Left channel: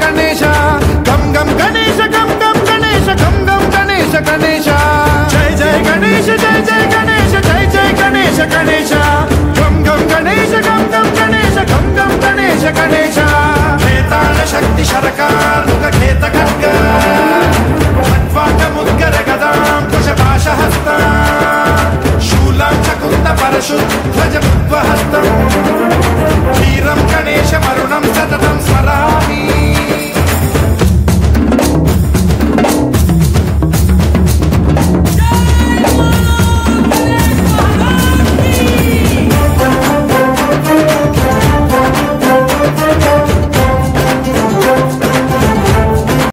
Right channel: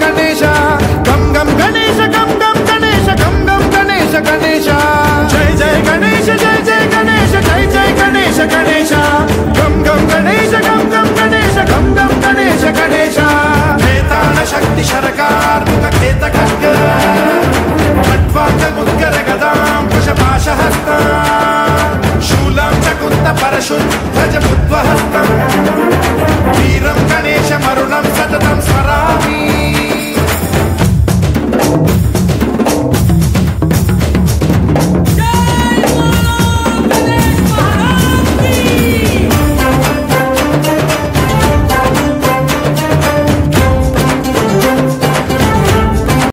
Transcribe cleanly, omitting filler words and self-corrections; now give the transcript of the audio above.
गणेश गम गम गणेश गम गम गणेश गम गम गणेश गणेश जय जय गणेश जय जय गणेश जय जय गणेश गणेश गम गम गणेश गम गम गणेश गम गम गणेश गणेश खेतान शक्ति शरकार खेत खड्ग मुद्गर गदां कुशपाशहस्ता शूलं च कुन्त परशु ध्वज बुद्वहस्तं वीरं गणेश वरुण